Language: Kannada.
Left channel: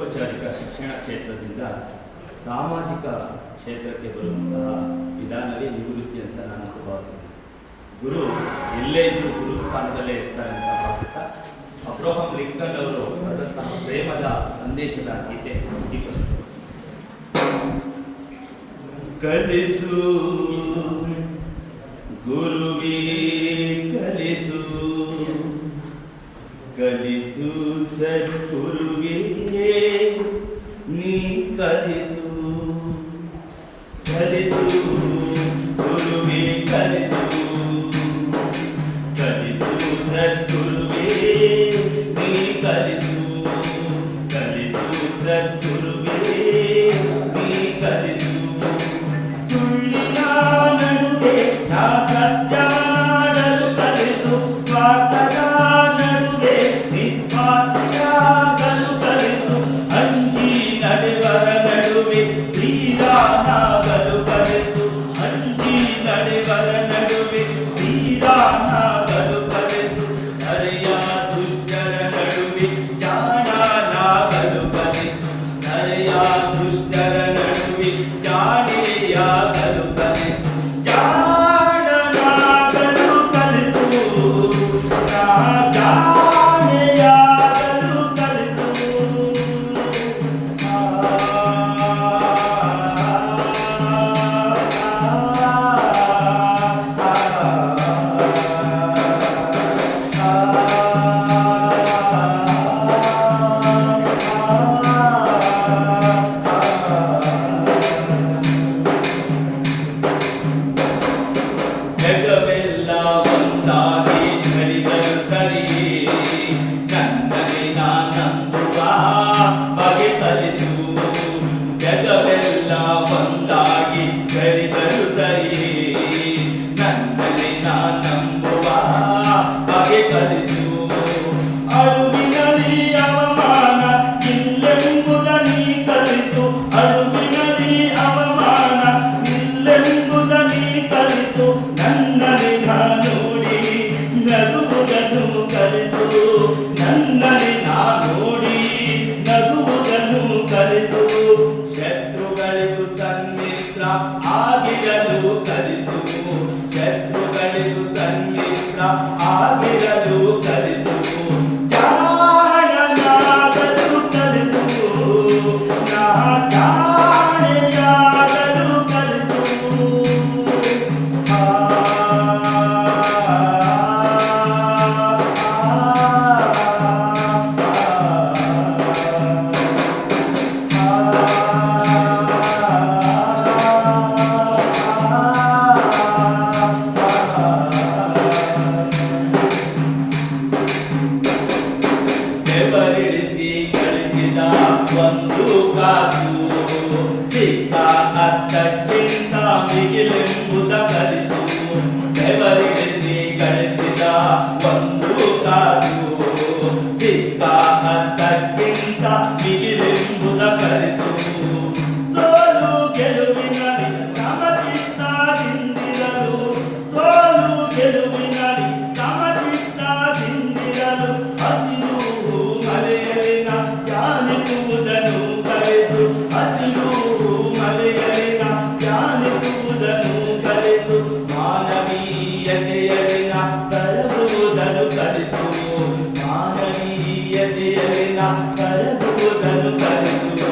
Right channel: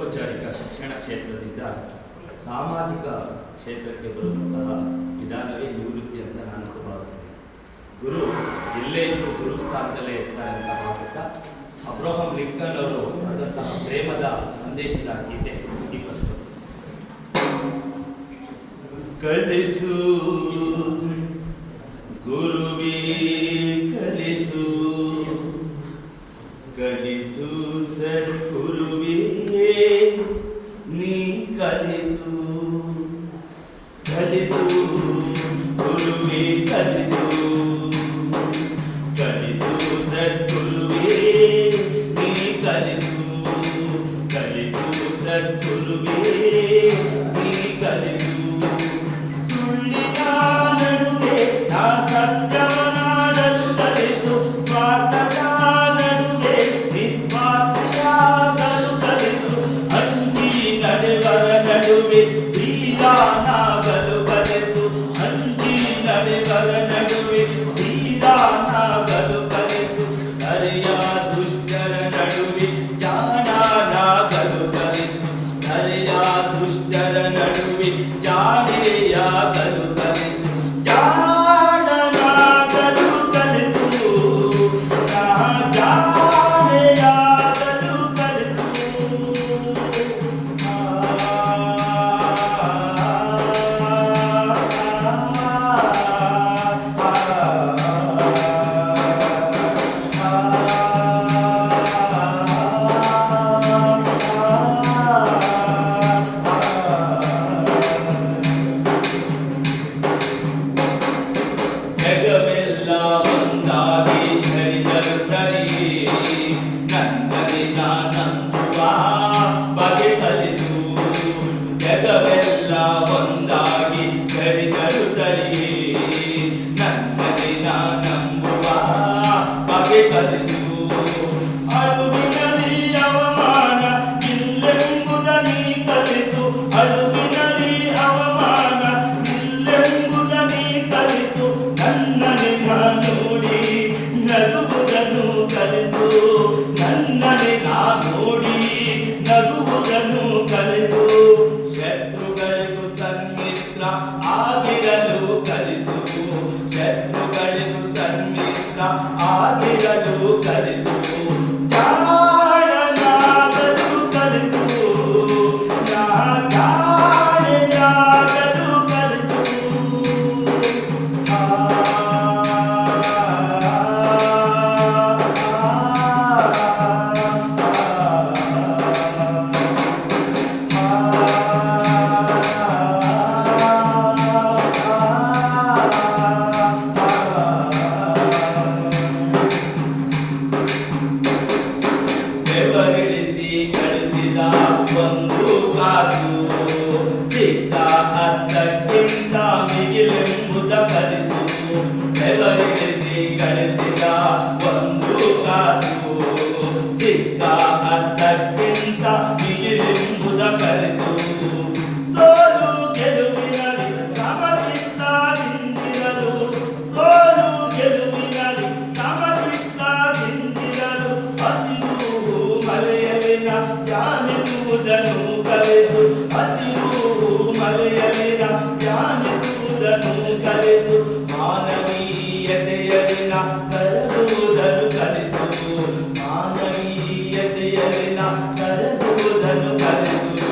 ಔಪಚಾರಿಕ ಶಿಕ್ಷಣ ಕ್ಷೇತ್ರದಿಂದ ಸಾಮಾಜಿಕ ಕ್ಷೇತ್ರಕ್ಕೆ ಬರುವಂತಹ ವಿಧಾನವೇ ನಿವೃತ್ತಿ ಅಂತ ನಾನು ಭಾವಿಸಿದೆ. ಗುರು ಎಲ್ಲೇ ಇದ್ದರೂ ಗುರು ಸ್ಥಾನದಲ್ಲೇ ಇರ್ತಾರೆ ಅಂತ ಭಾವಿಸುತ್ತಾ ಅಬ್ರಹಾಂ ಲಿಂಕನ್ ಅವರು ಬರೆದಂತಹ ಪ್ರೇಮದ ಸಂದೇಶದ ಗೀತೆ ಈ ಪುಸ್ತಕ. ಕಲಿಸು ಗುರುವೇ ಕಲಿಸು, ಕಲಿಸು ಸದ್ಗುರುವೇ ನೀ ಕಲಿಸು, ಕಲಿಸು ಗುರುವೇ ಕಲಿಸು, ಕಲಿಸು ಸದ್ಗುರುವೇ ನೀ ಕಲಿಸು, ಕಲಿಸು ಸದ್ಗುರುವೇ ನೀ ಕಲಿಸು. ಸುಳ್ಳಿನ ನಡುವೆ ನಾ ಸತ್ಯವನಾಡಲು ಕಲಿಸು, ಸ್ವಾರ್ಥದ ನಡುವೆ ನಿಸ್ವಾರ್ಥಿಯಾಗಲು ಕಲಿಸು, ಅಂಜಿ ನಡೆವರ ನಡುವೆ ಧೀರನಾಗಲು ಕಲಿಸು, ಅಂಜಿ ನಡೆವರ ನಡುವೆ ಧೀರನಾಗಲು ಕಲಿಸು, ನರೆಯ ದುಷ್ಟರ ನಡುವೆ ಜಾಣನಾಗಲು ಕಲಿಸು, ನರೆಯ ದುಷ್ಟರ ನಡುವೆ ಜಾಣೆಯಾಗಲು ಕಲಿಸು, ಜಾಣನಾಗಲು ಕಲಿಸು, ಜಾಣೆಯಾಗಲು ಕಲಿಸು. ಜಗವೆಲ್ಲ ಒಂದಾಗಿ ಧರಿದರು ಸರಿ, ನನ್ನದೇ ನಾನಂಬುವ ಬಗೆ ಕಲಿಸು. ಜಗವೆಲ್ಲ ಒಂದಾಗಿ ಧರಿದರು ಸರಿ, ನನ್ನದೇ ನಾನಂಬುವ ಬಗೆ ಕಲಿಸು. ಅಳುವಿನಲ್ಲಿ ಅವಮಾನ ಇಲ್ಲೆಂಬುದ ನೀ ಕಲಿಸು, ಅಳುವಿನಲ್ಲಿ ಅವಮಾನ ಇಲ್ಲೆಂಬುದ ನೀ ಕಲಿಸು. ನನ್ನನೆ ನಾ ನೋಡಿ ನಗುವುದನ್ನು ಕಲಿಸು, ನನ್ನನೆ ನಾ ನೋಡಿ ನಗುವುದನ್ನು ಕಲಿಸು. ಶತ್ರುಗಳಿಗೂ ಸನ್ಮಿತ್ರ ಆಗಿರಲು ಕಲಿಸು, ಶತ್ರುಗಳಿಗೂ ಸನ್ಮಿತ್ರ ಆಗಿರಲು ಕಲಿಸು. ಜಾಣನಾಗಲು ಕಲಿಸು, ಜಾಣೆಯಾಗಲು ಕಲಿಸು. ಬೆವರಿಳಿಸಿ ಕಳಿಸಿದ ಒಂದು ಕಾಸು, ಸಿಕ್ಕ ಅರ್ಥಕ್ಕಿಂತ ಮಿಗಿಲೆಂಬುದ ಕಲಿತು. ಬೆವರಿಳಿಸಿ ಕಳಿಸಿದ ಒಂದು ಕಾಸು, ಸಿಕ್ಕ ಅರ್ಥಕ್ಕಿಂತ ಮಿಗಿಲೆಂಬುದ ಕಲಿತು. ಸೋಲು ಗೆಲುವಿನಲ್ಲಿ ಸಮಚಿತ್ತದಿಂದಿರಲು, ಸೋಲು ಗೆಲುವಿನಲ್ಲಿ ಸಮಚಿತ್ತದಿಂದಿರಲು, ಹಸಿರು ಮಲೆಯಲ್ಲಿನ ಧ್ಯಾನಿಸುವುದನ್ನು ಕಲಿತು, ಹಸಿರು ಮಲೆಯಲ್ಲಿನ ಧ್ಯಾನಿಸುವುದನ್ನು ಕಲಿತು. ಮಾನವೀಯತೆಯಲ್ಲಿನ ಕರಗುವುದನ್ನು ಕಲಿತು, ಮಾನವೀಯತೆಯಲ್ಲಿನ ಕರಗುವುದನ್ನು ಕಲಿತು.